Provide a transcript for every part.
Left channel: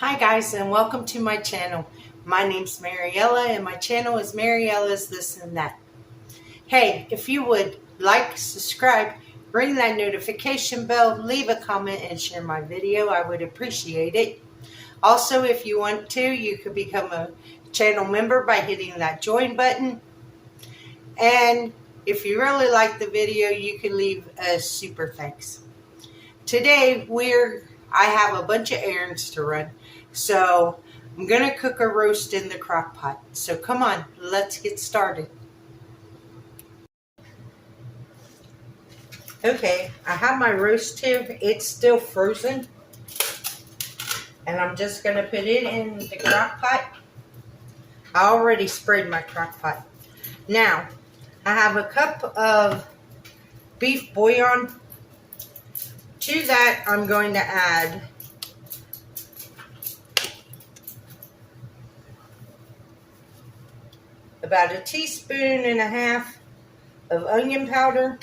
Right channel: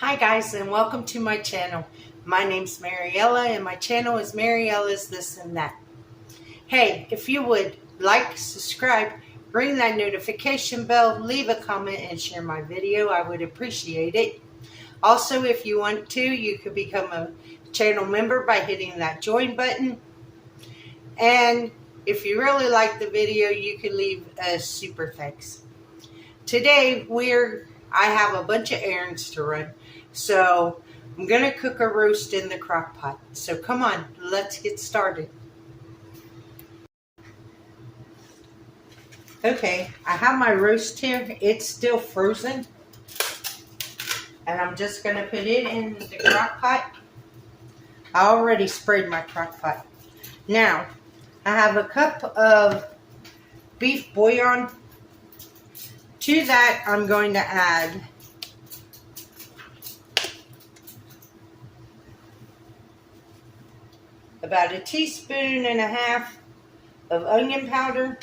Hi guys, and welcome to my channel. My name's Mariella and my channel is Mariella's This and That. Hey, if you would like, subscribe, ring that notification bell, leave a comment and share my video, I would appreciate it. Also, if you want to, you could become a channel member by hitting that join button. And if you really like the video, you can leave a super thanks. Today, I have a bunch of errands to run. So I'm going to cook a roast in the crock pot. So come on, let's get started. Okay, I have my roast here. It's still frozen. And I'm just going to put it in the crock pot. I already sprayed my crock pot. Now, I have a cup of beef bouillon. To that, I'm going to add about 1.5 teaspoons of onion powder,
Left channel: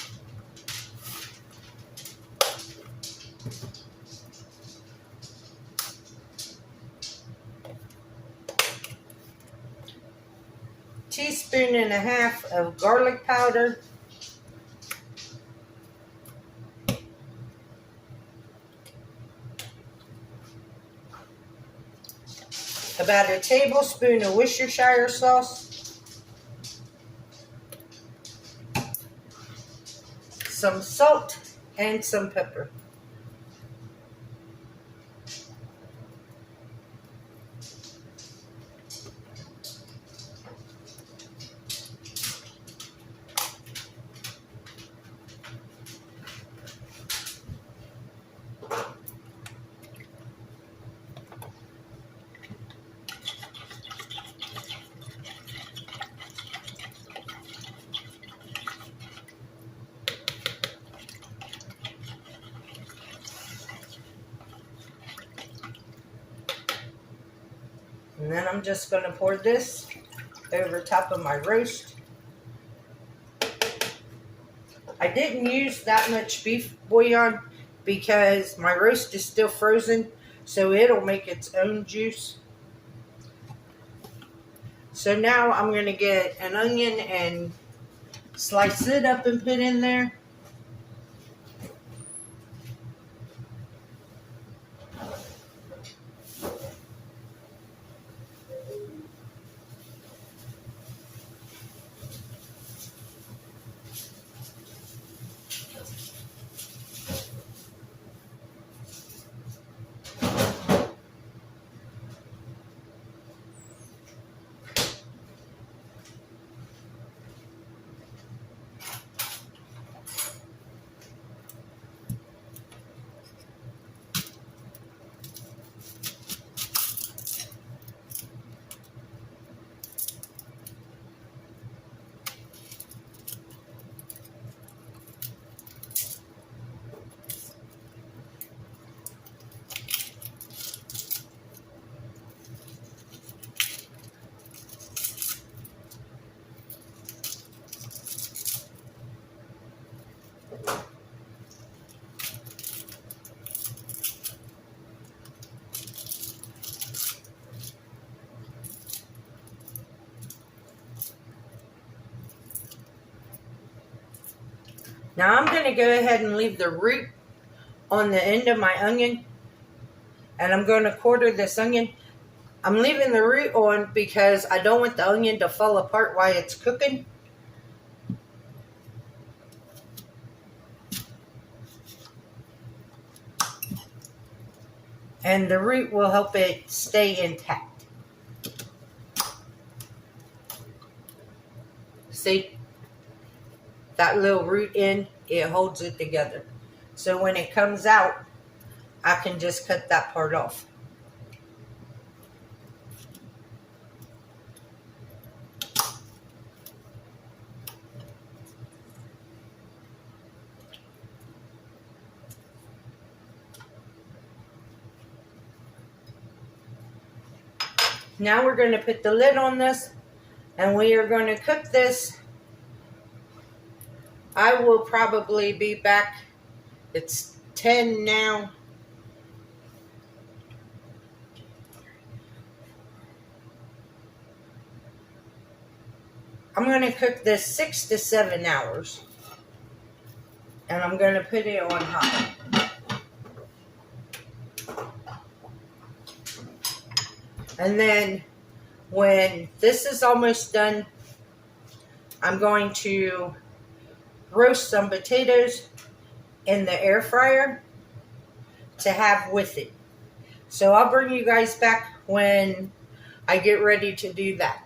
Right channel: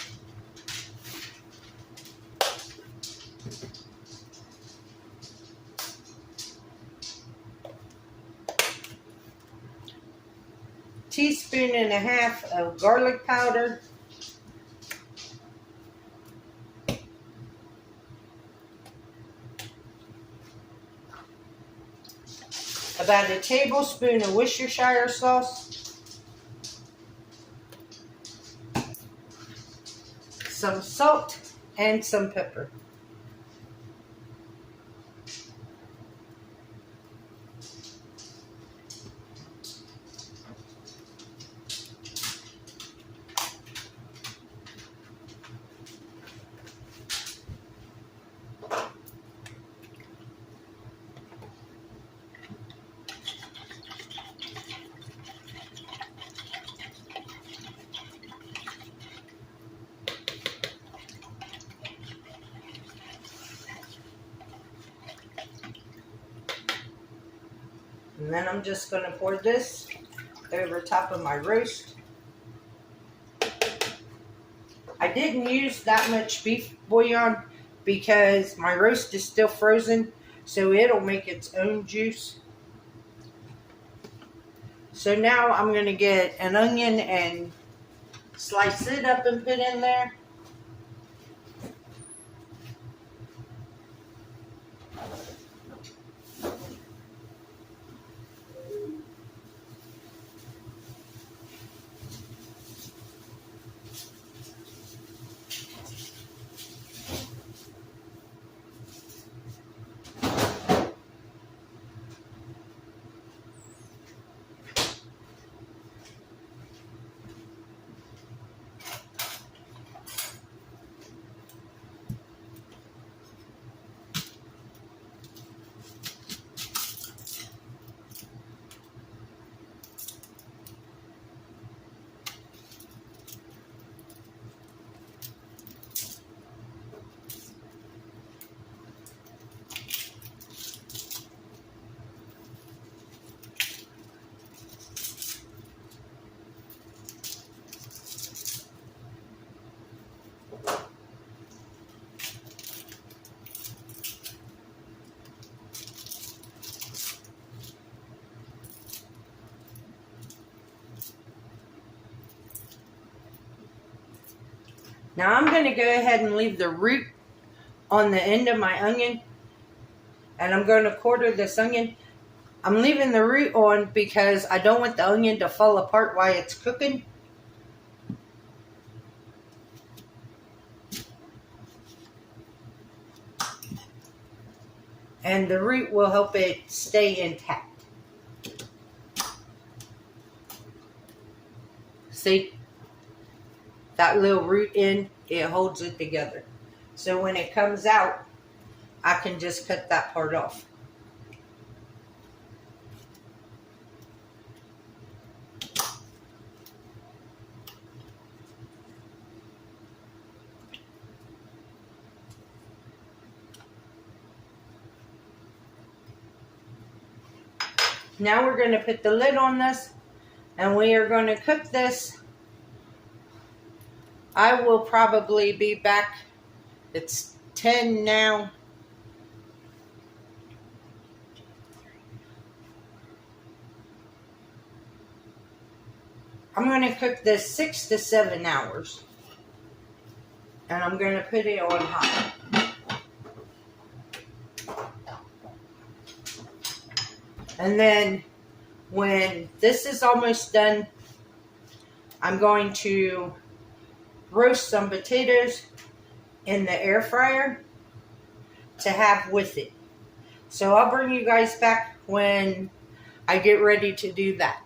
teaspoon and a half of garlic powder, about 1 tablespoon of Worcestershire sauce, some salt, and some pepper. And then I'm just going to pour this over top of my roast. I didn't use that much beef bouillon because my roast is still frozen, so it'll make its own juice. So now I'm going to get an onion and slice it up and put in there. Now I'm going to go ahead and leave the root on the end of my onion. And I'm going to quarter this onion. I'm leaving the root on because I don't want the onion to fall apart while it's cooking. And the root will help it stay intact. See? That little root end, it holds it together. So when it comes out, I can just cut that part off. Now we're going to put the lid on this and we are going to cook this. I will probably be back. It's 10 now. I'm going to cook this 6 to 7 hours. And I'm going to put it on high. And then when this is almost done, I'm going to roast some potatoes in the air fryer to have with it. So I'll bring you guys back when I get ready to do that.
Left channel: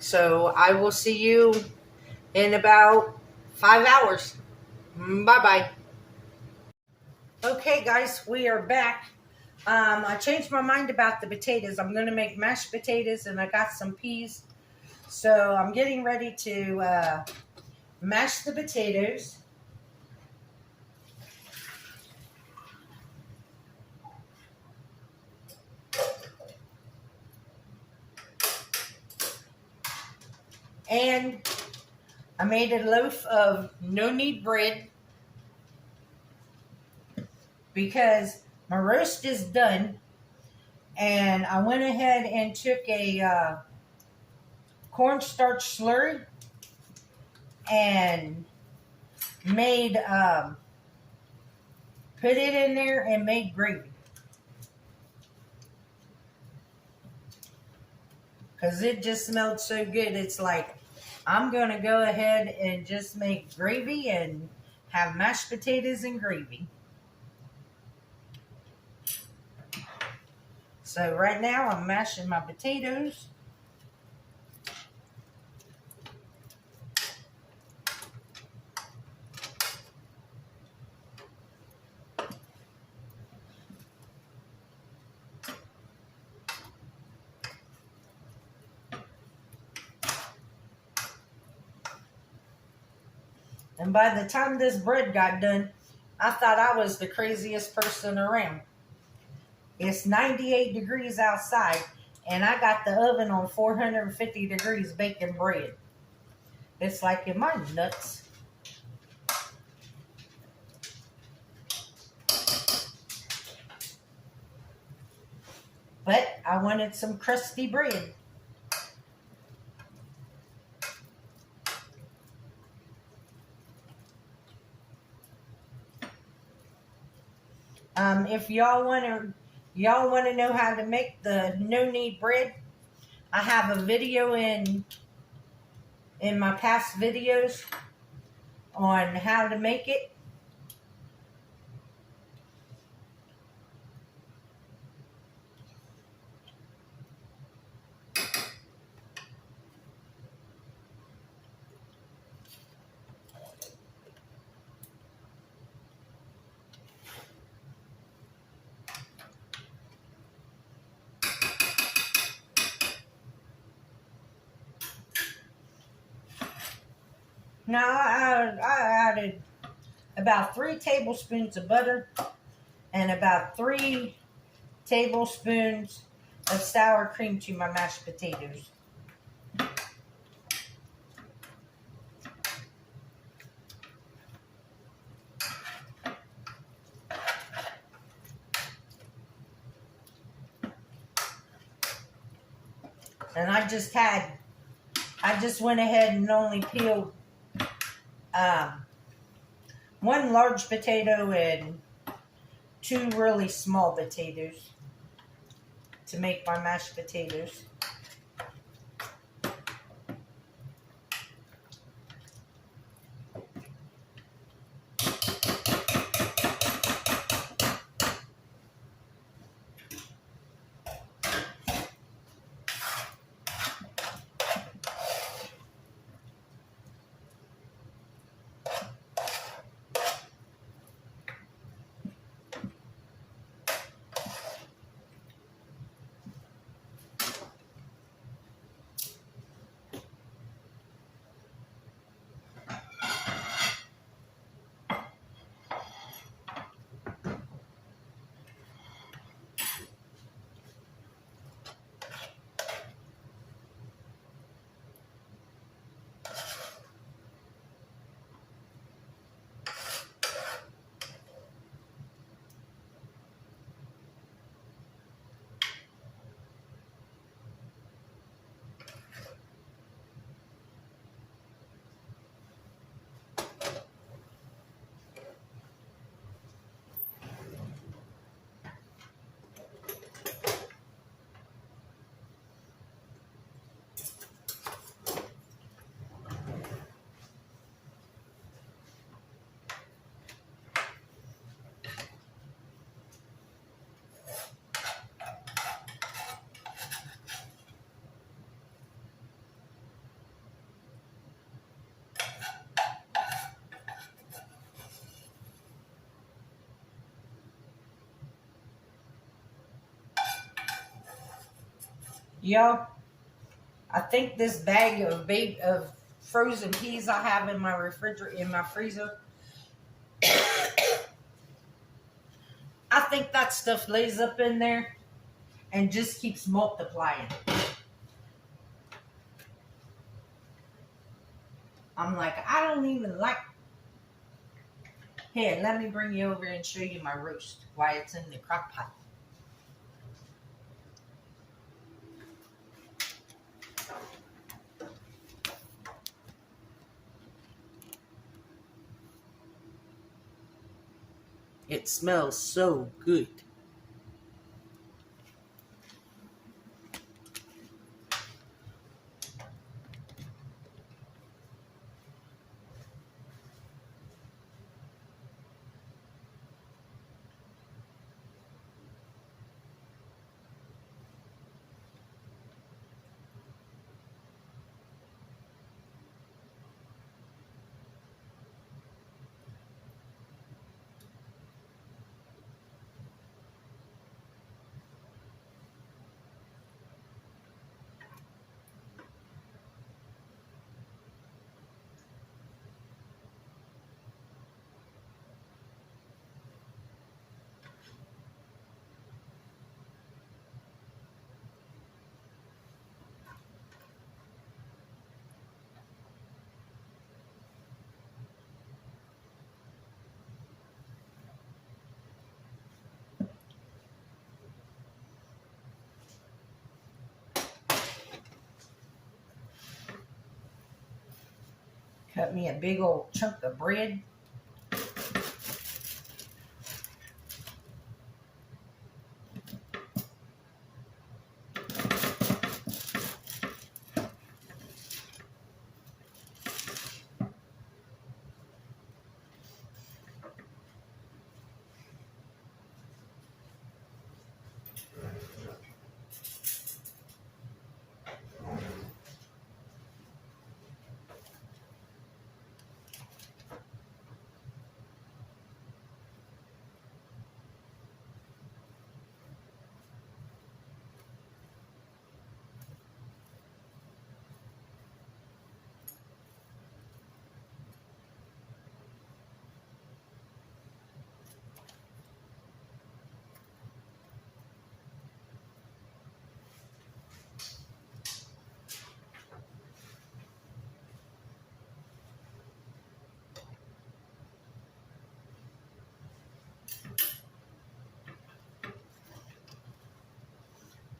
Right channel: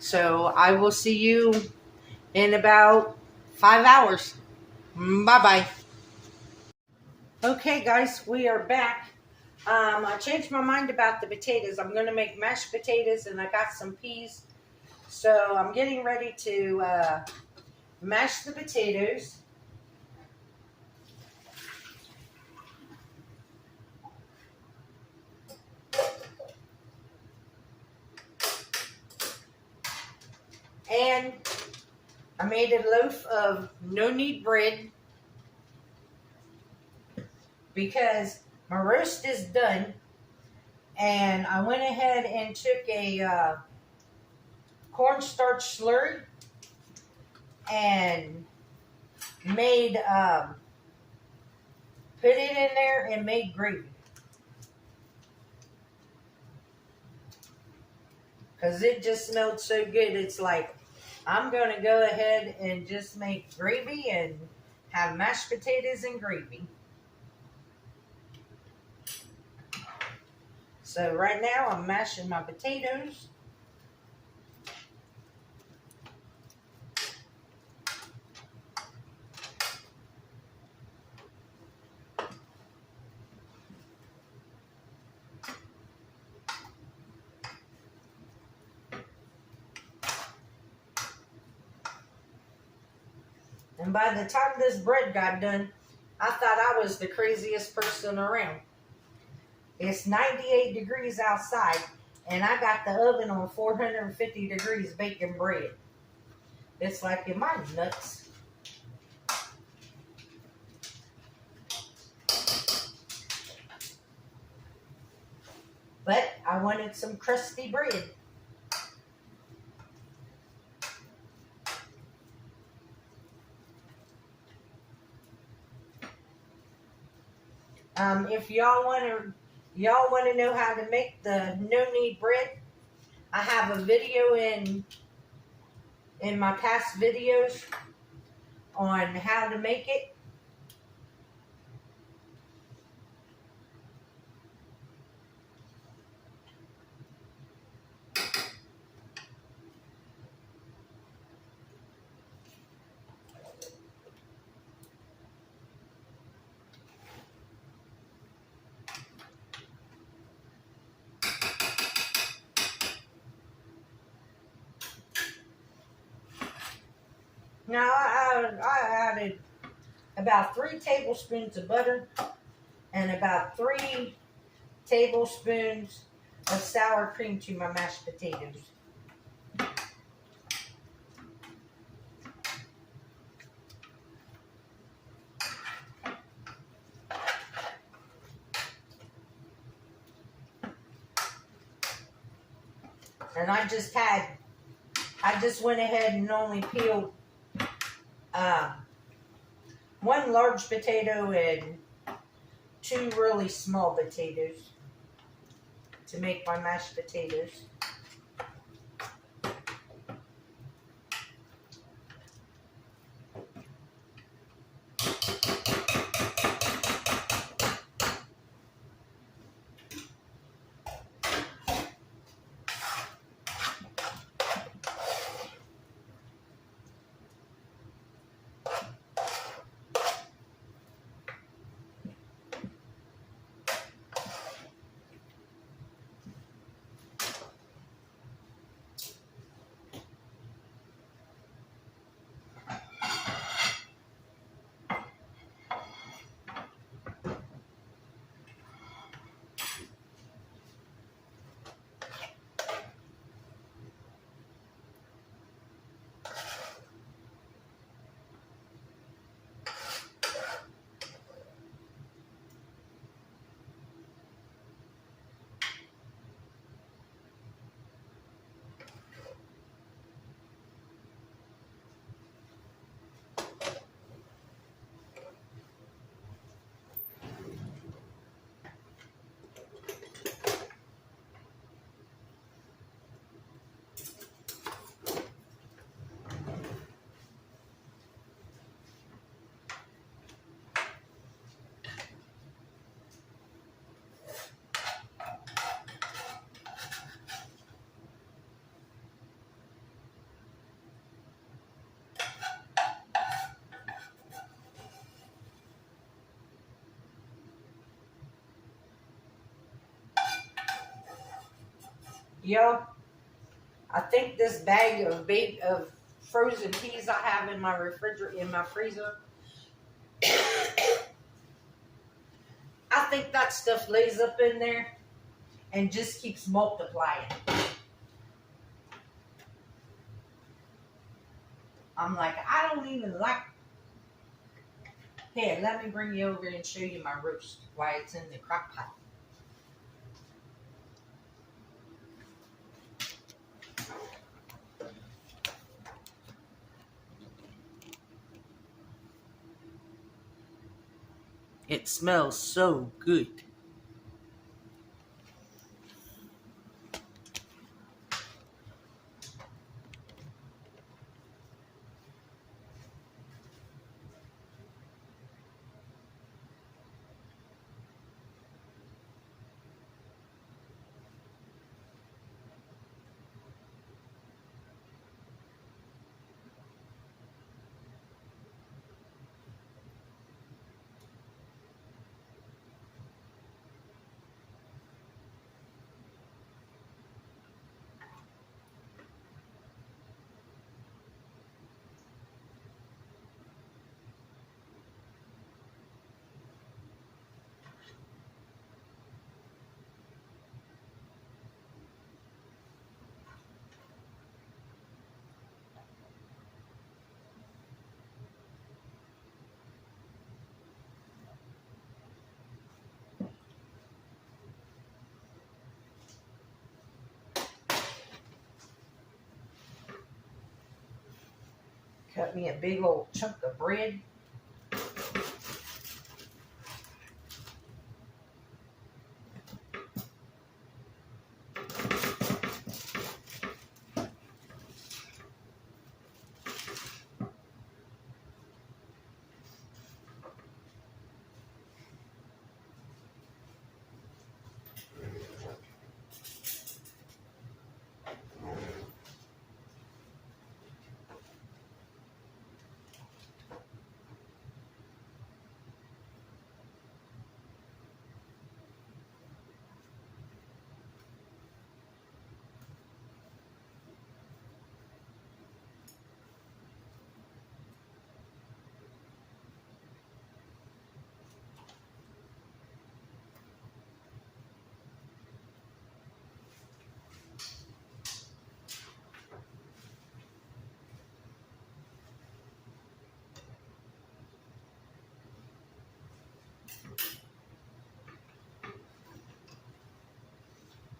So I will see you in about 5 hours. Bye-bye. Okay, guys, we are back. I changed my mind about the potatoes. I'm going to make mashed potatoes, and I got some peas. So I'm getting ready to mash the potatoes. And I made a loaf of no-knead bread because my roast is done. And I went ahead and took a cornstarch slurry and made, put it in there and made gravy. Because it just smelled so good. It's like, I'm going to go ahead and just make gravy and have mashed potatoes and gravy. So right now I'm mashing my potatoes. And by the time this bread got done, I thought I was the craziest person around. It's 98 degrees outside, and I got the oven on 450 degrees baking bread. It's like, am I nuts? But I wanted some crusty bread. If y'all want to know how to make the no-knead bread, I have a video in my past videos on how to make it. Now I added about 3 tablespoons of butter and about 3 tablespoons of sour cream to my mashed potatoes. And I just went ahead and only peeled 1 large potato and 2 really small potatoes to make my mashed potatoes. Yo, I think this bag of frozen peas I have in my refrigerator, in my freezer, I think that stuff lays up in there and just keeps multiplying. I'm like, I don't even like. Here, let me bring you over and show you my roast, why it's in the crock pot. It smells so good. Cut me a big old chunk of bread.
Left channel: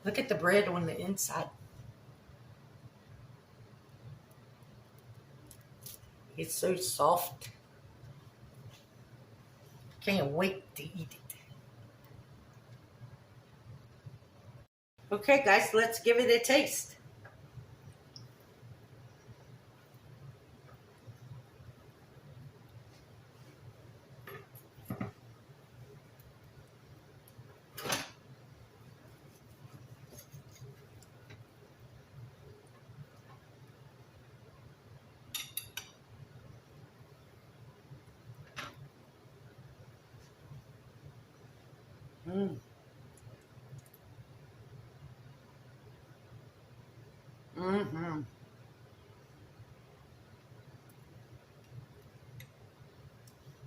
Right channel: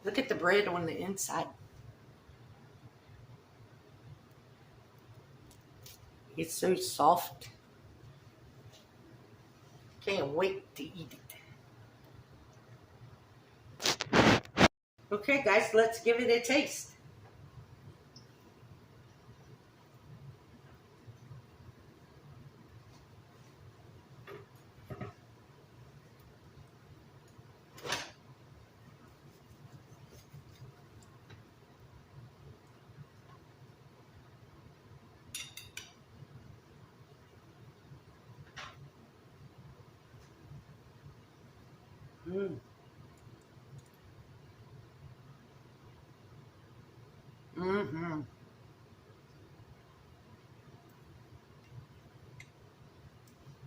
Look at the bread on the inside. It's so soft. Can't wait to eat it. Okay, guys, let's give it a taste. Mm-hmm.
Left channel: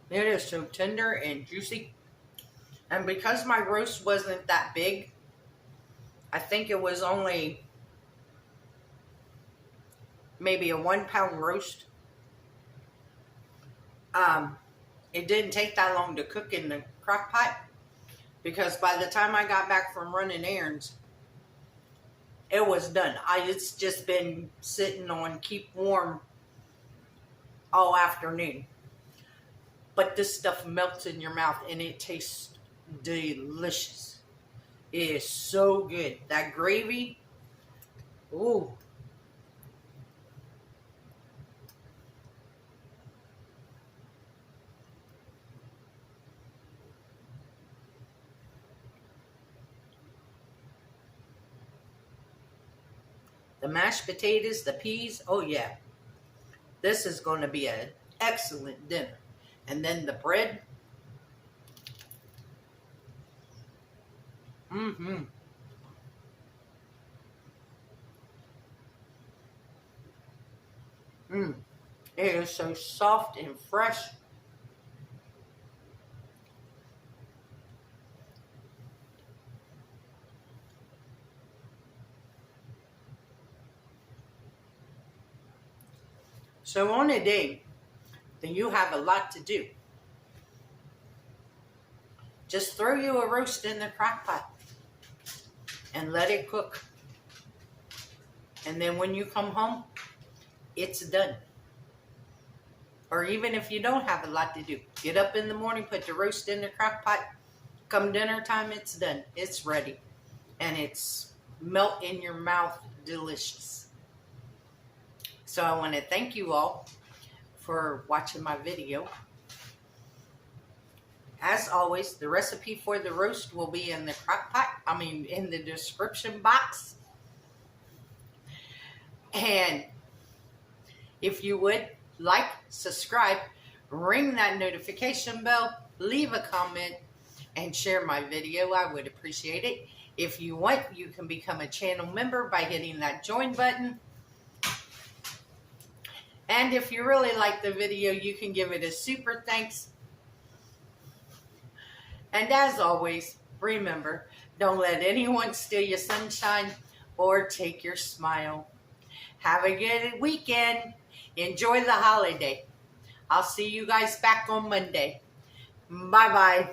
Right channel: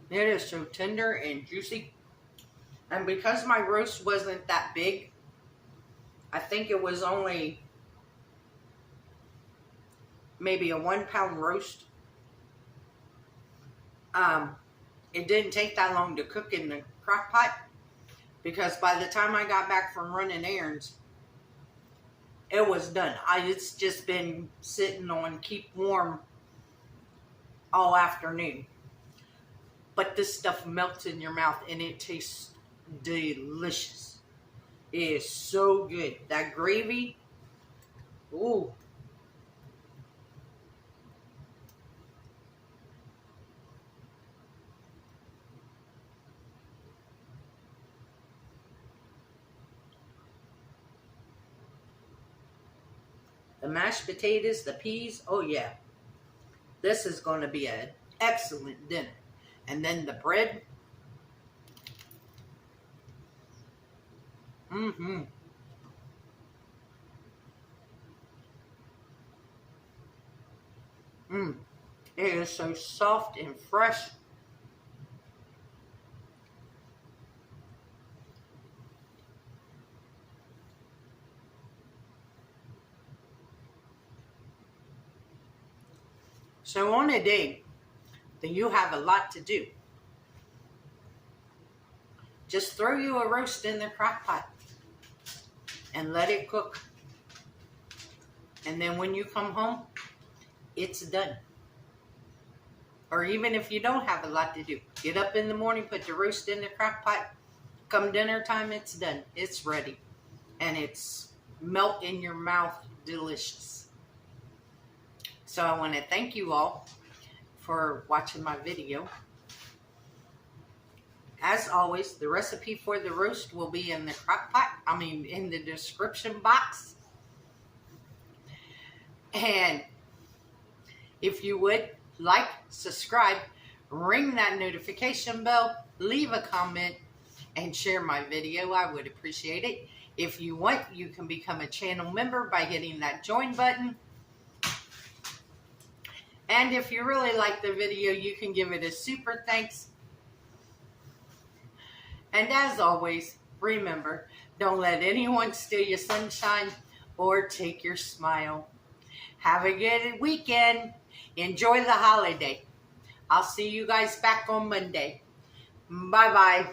It is so tender and juicy. And because my roast wasn't that big, I think it was only maybe a 1 pound roast. It didn't take that long to cook in the crock pot because by the time I got back from running errands, it was done. It's just been sitting on keep warm all afternoon. But this stuff melts in your mouth and it tastes delicious. It is so good. That gravy, ooh. The mashed potatoes, the peas, oh yeah. This is going to be an excellent dinner. And then the bread. Mm-hmm. It is so soft and fresh. So on a day that you have a lot to do, just throw you a roast in the crock pot and let it cook. And then when you come home, it's done. Or even if you don't have a lot to do, get up in the morning, put the roast in the crock pot. Come dinner time, it's done. It's ready. And it's melt in your mouth delicious. So I want to thank you all for watching my video. As always, the recipe for the roast will be in the crock pot. In the description box. And if you would like, subscribe, ring that notification bell, leave a comment, and share my video. I would appreciate it. If you want, you can become a channel member by hitting that join button. And if you really like the video, you can give it a super thanks. And as always, remember, don't let anyone steal your sunshine or take your smile. Have a good weekend. Enjoy the holiday. I'll see you guys back on Monday. Bye-bye.